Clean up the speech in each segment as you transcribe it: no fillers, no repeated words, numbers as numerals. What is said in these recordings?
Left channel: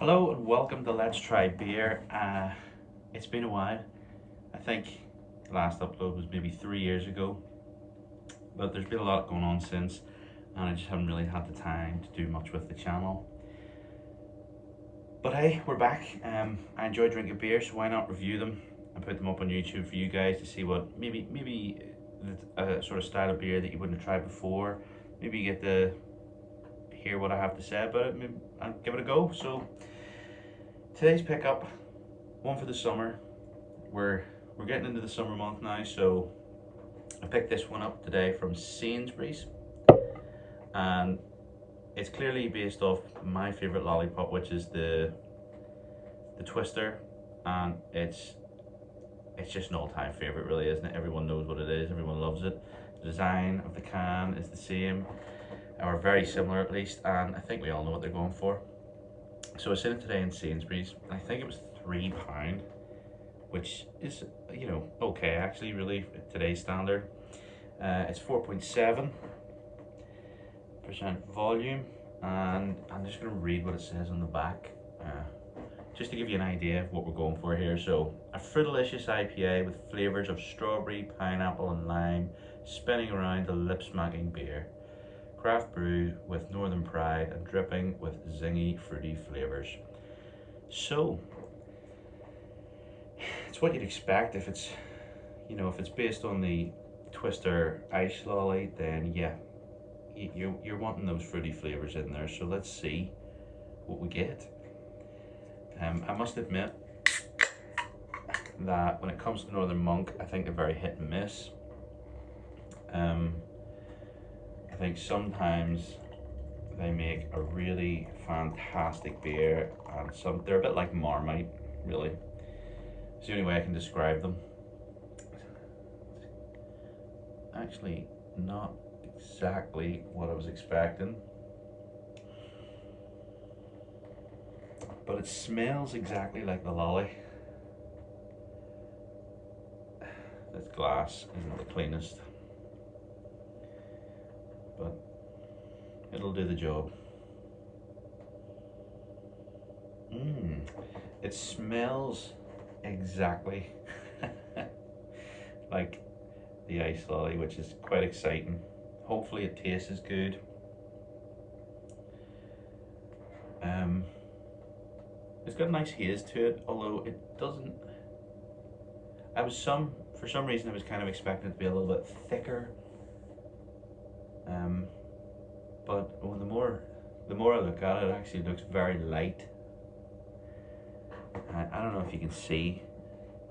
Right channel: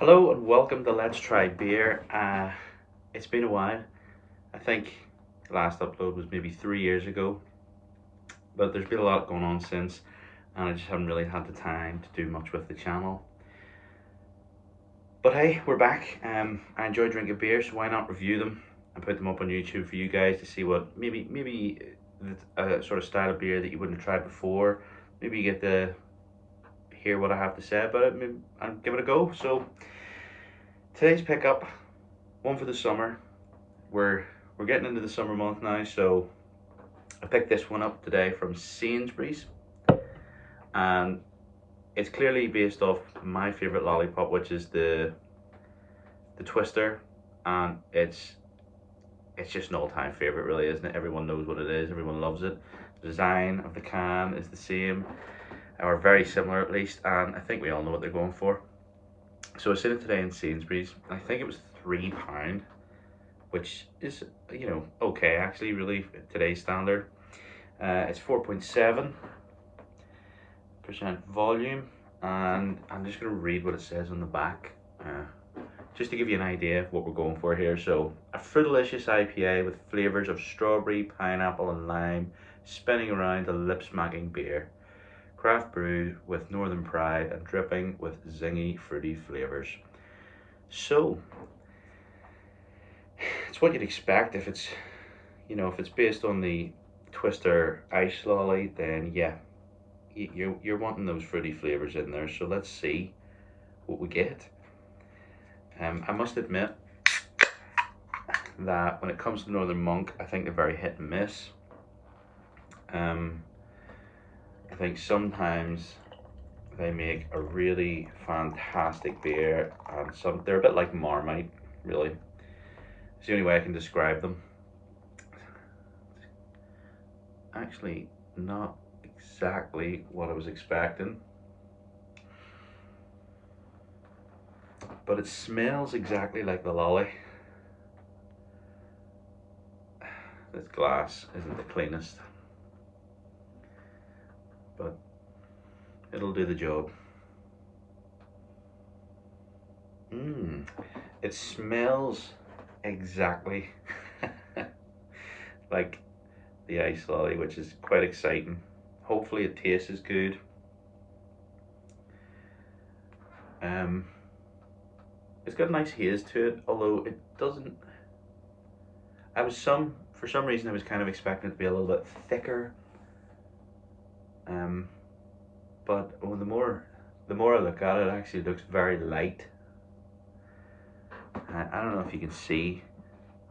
Hello and welcome to Let's Try Beer. It's been a while. I think the last upload was maybe 3 years ago, but there's been a lot going on since, and I just haven't really had the time to do much with the channel. But hey, we're back. I enjoy drinking beer, so why not review them and put them up on YouTube for you guys to see what maybe a sort of style of beer that you wouldn't have tried before. Maybe you get to hear what I have to say about it. Maybe I'll give it a go. So today's pickup, one for the summer. We're getting into the summer month now, so I picked this one up today from Sainsbury's, and it's clearly based off my favorite lollipop, which is the Twister, and it's just an all-time favorite, really, isn't it? Everyone knows what it is. Everyone loves it. The design of the can is the same, or very similar at least, and I think we all know what they're going for. So I seen it today in Sainsbury's, and I think it was £3, which is, okay, actually, really, today's standard. It's 4.7% volume, and I'm just going to read what it says on the back, just to give you an idea of what we're going for here. So, a fruitalicious IPA with flavours of strawberry, pineapple and lime, spinning around a lip-smacking beer. Craft brew with northern pride and dripping with zingy, fruity flavours. So, it's what you'd expect if it's, if it's based on the Twister ice lolly, then yeah, you're wanting those fruity flavors in there. So let's see what we get. I must admit that when it comes to Northern Monk, I think they're very hit and miss. I think sometimes they make a really fantastic beer, and they're a bit like Marmite, really. It's the only way I can describe them. Actually, not exactly what I was expecting, but it smells exactly like the lolly. This glass isn't the cleanest, but it'll do the job. It smells exactly like the ice lolly, which is quite exciting. Hopefully it tastes as good. It's got a nice haze to it, although it doesn't. For some reason I was kind of expecting it to be a little bit thicker. But the more I look at it, it actually looks very light. I don't know if you can see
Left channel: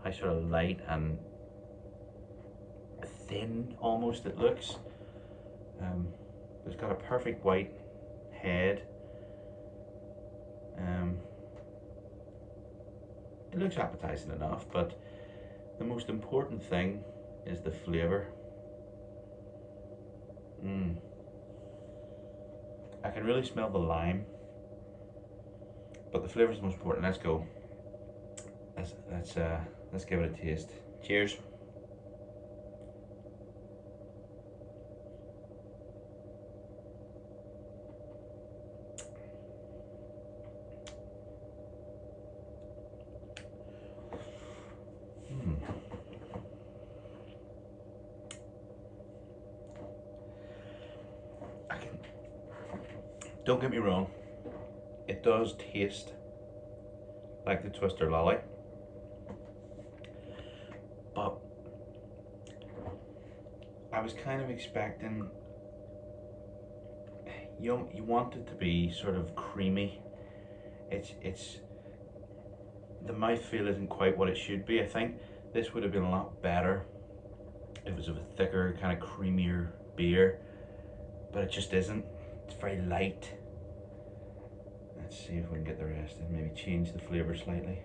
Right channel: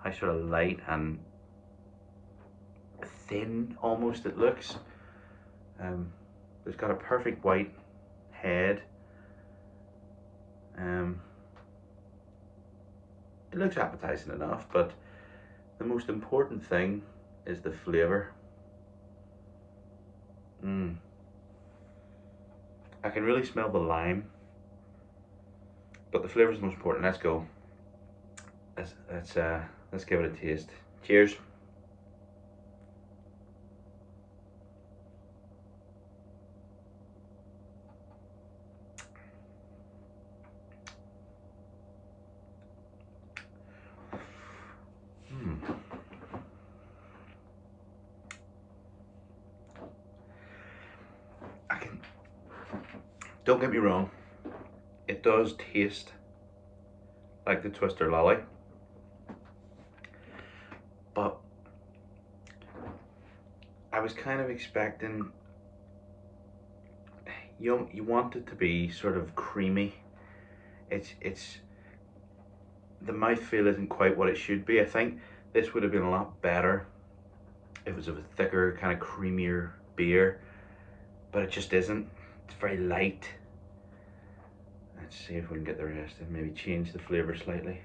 how sort of light and thin almost it looks. It's got a perfect white head. It looks appetizing enough, but the most important thing is the flavour. I can really smell the lime, but the flavour is the most important. Let's go. Let's give it a taste. Cheers. Don't get me wrong, it does taste like the Twister lolly, but I was kind of expecting, you want it to be sort of creamy. It's the mouthfeel isn't quite what it should be. I think this would have been a lot better if it was a thicker, kind of creamier beer, but it just isn't. It's very light. Let's see if we can get the rest and maybe change the flavour slightly.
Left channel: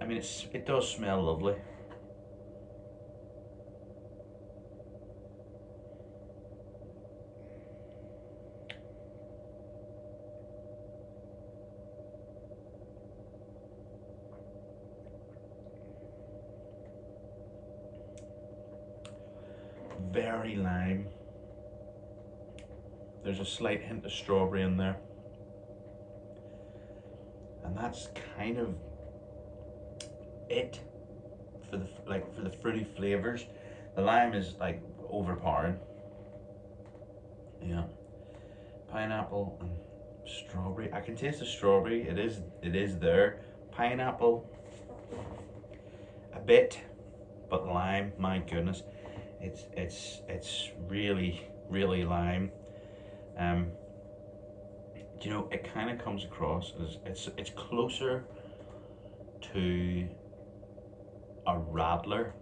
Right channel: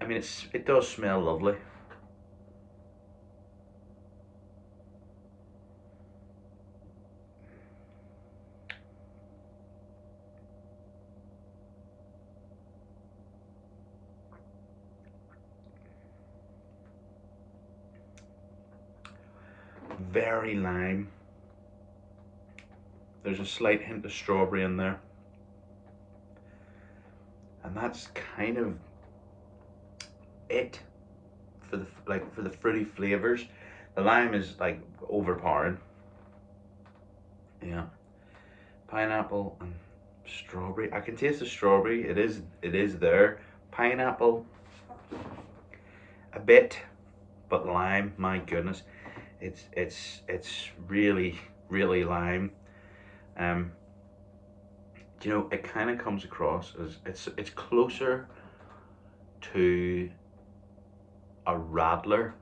I mean, it does smell lovely. Very lime. There's a slight hint of strawberry in there, and that's kind of it for the for the fruity flavors. The lime is like overpowering. Yeah, pineapple and strawberry. I can taste the strawberry. It is there. Pineapple, a bit, but lime. My goodness, it's really lime. Um, you know, it kind of comes across as it's closer to a radler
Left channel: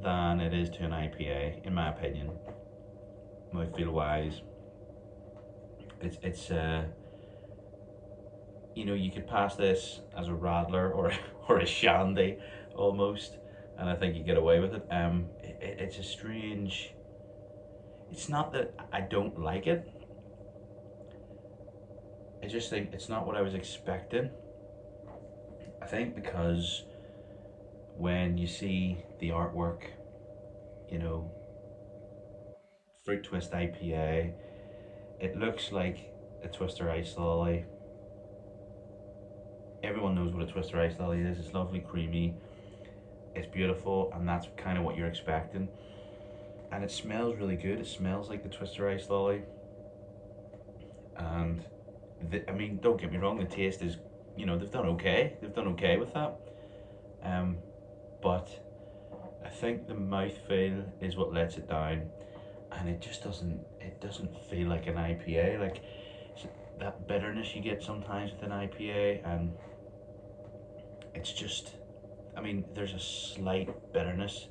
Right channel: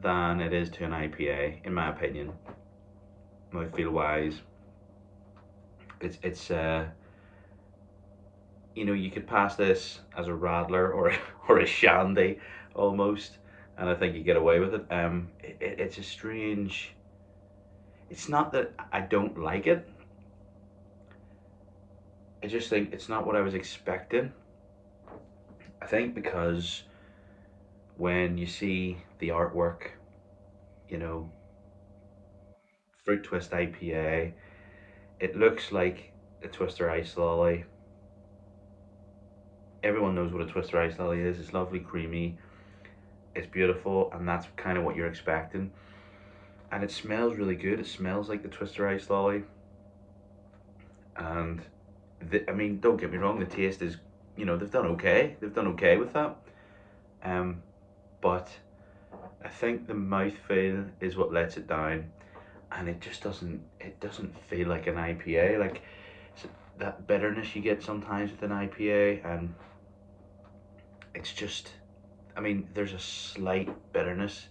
than it is to an IPA, in my opinion. Mouthfeel wise, it's you know, you could pass this as a radler or or a shandy almost, and I think you get away with it. It's a strange. It's not that I don't like it. I just think it's not what I was expecting. I think because when you see the artwork, you know, Fruit Twist IPA, it looks like a Twister Ice Lolly. Everyone knows what a Twister Ice Lolly is. It's lovely, creamy, it's beautiful, and that's kind of what you're expecting. And it smells really good. It smells like the Twister Ice Lolly. And I mean, don't get me wrong, the taste is, you know, they've done okay. They've done okay with that. But I think the mouthfeel is what lets it down, and it just doesn't feel like an IPA. Like that bitterness you get sometimes with an IPA, and it's just, I mean, there's a slight bitterness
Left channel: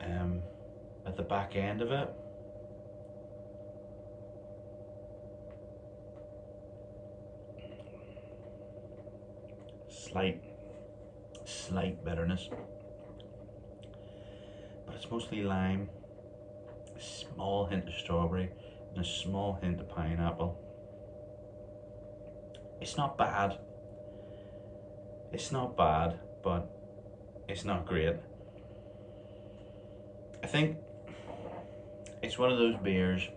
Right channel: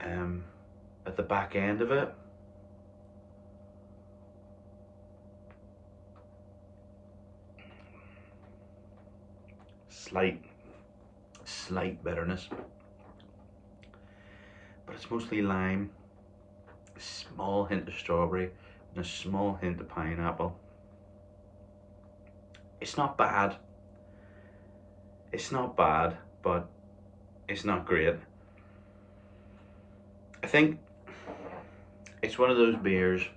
at the back end of it. Slight bitterness, but it's mostly lime, a small hint of strawberry, and a small hint of pineapple. It's not bad. It's not bad, but it's not great. I think it's one of those beers,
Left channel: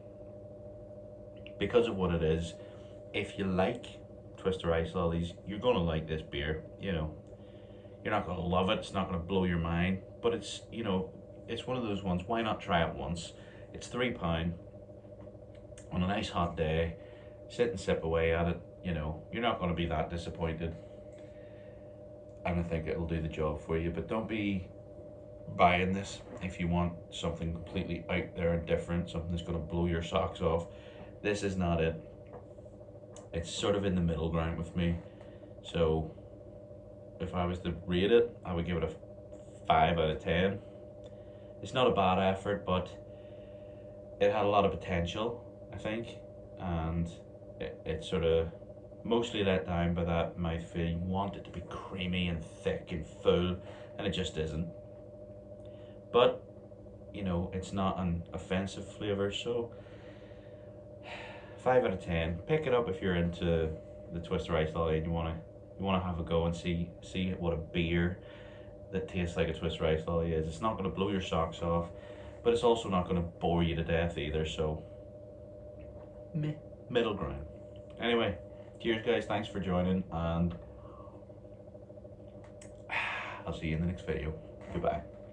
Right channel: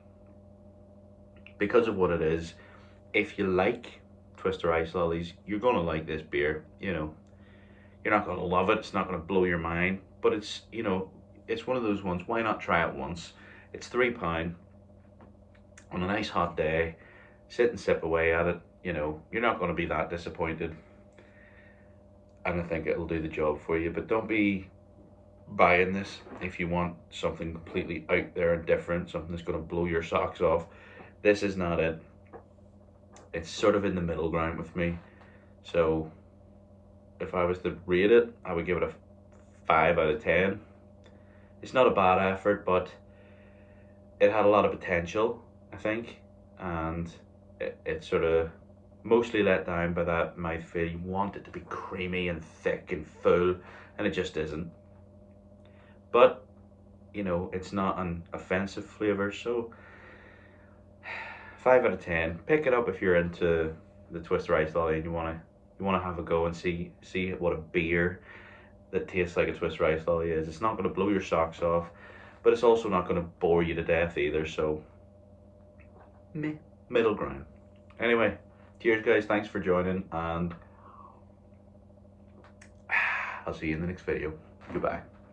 because of what it is, if you like Twister Ice Lollies, you're gonna like this beer. You know, you're not gonna love it, it's not gonna blow your mind, but it's, you know, it's one of those ones, why not try it once? It's £3 on a nice hot day, sit and sip away at it, you know, you're not gonna be that disappointed. And I think it'll do the job for you, but don't be buying this if you want something completely out there and different, something that's gonna blow your socks off. This is not it. It's sort of in the middle ground with me. So if I was to rate it, I would give it a 5 out of 10. It's not a bad effort, but it had a lot of potential, I think, and it sort of mostly let down by that mouthfeel. You want it to be creamy and thick and full, and it just isn't. But, you know, it's not an offensive flavour, so 5 out of 10. Pick it up if you're into the Twister Ice Lolly and you wanna have a go and see what a beer that tastes like a Twister Ice Lolly is. It's not gonna blow your socks off, but it's also not gonna bore you to death either. So, meh, middle ground. Anyway, cheers, guys. Thanks for joining, and I'll see you in the next video. Goodbye.